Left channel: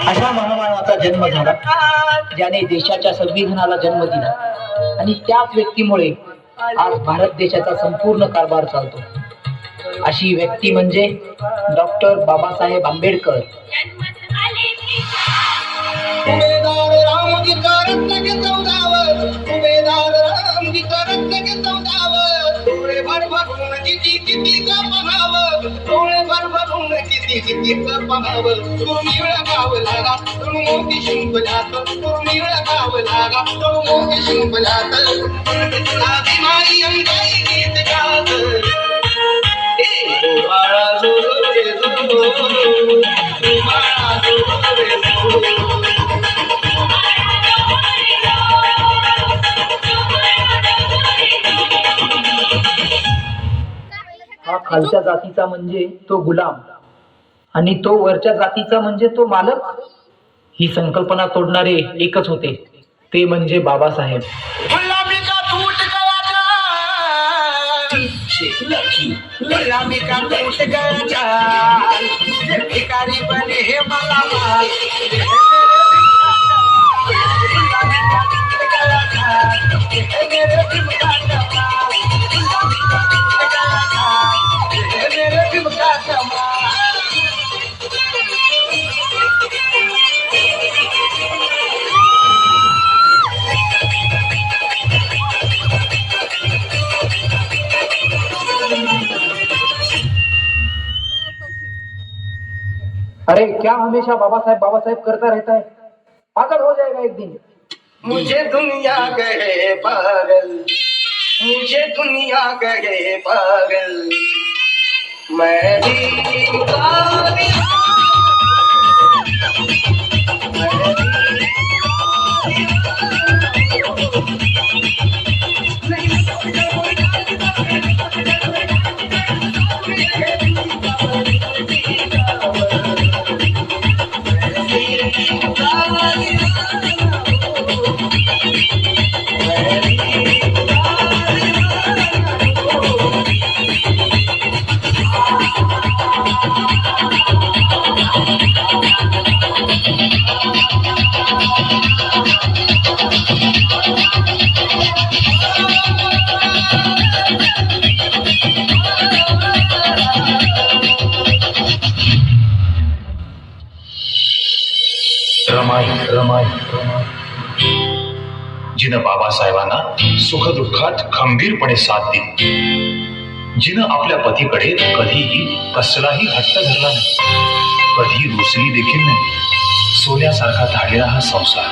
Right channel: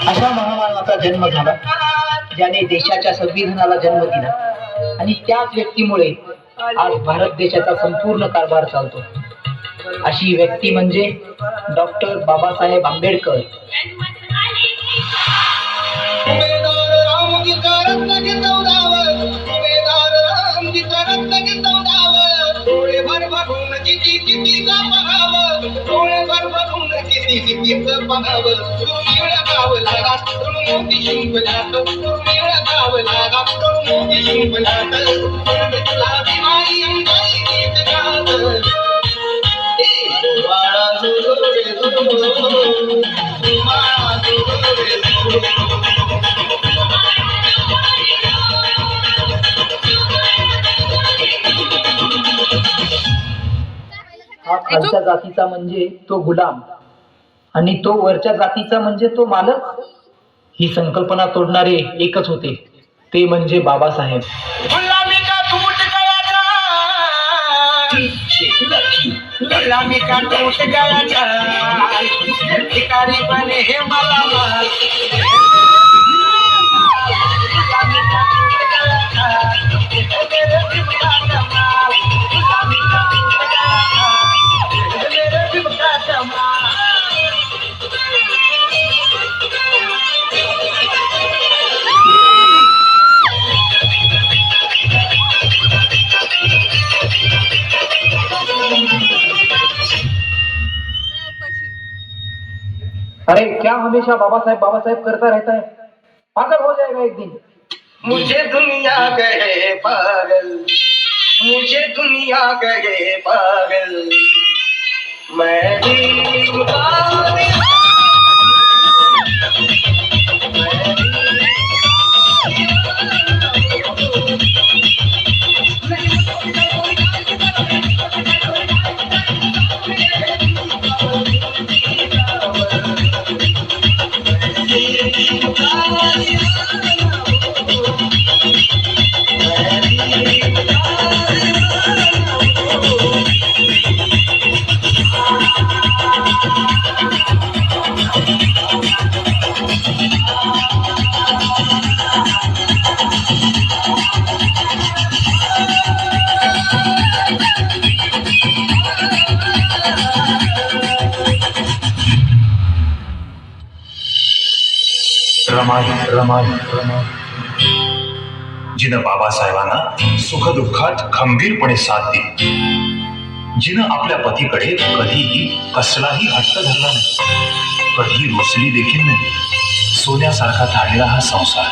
अशा महामानवाचा जन्म झाला ज्याने देशाच्या संविधानाला जन्म दिला आणि त्याच व्यक्तीमुळे आज भारत देशाचा संपूर्ण कारभार चालतो. अशी व्यक्ती म्हणजे डॉक्टर बाबासाहेब आंबेडकर. हा खालच्या जातीचा म्हणजे तो गुलाम आणि तो वरच्या जातीचा म्हणजे तो मालक. ही संकल्पना तोडणारे एकच होते, ते म्हणजे बाबासाहेब. अरे क्या हमेशा बाबा साहेब करता रहता है, पागल हो जाएगा एक दिन. मुझे दुनिया कहे पागल, मुझे दुनिया कहे पागल, मैं भी पागल. जिनं बाबासाहेबांना सुखदुःखात खंबीरपणे साथ दिली, जिनं आपल्या पतीकडे कधीही कसलाही हट्ट धरला नाही, कधी रुसली देखील नाही. सोन्यासारखा धाडलेला हा संसार.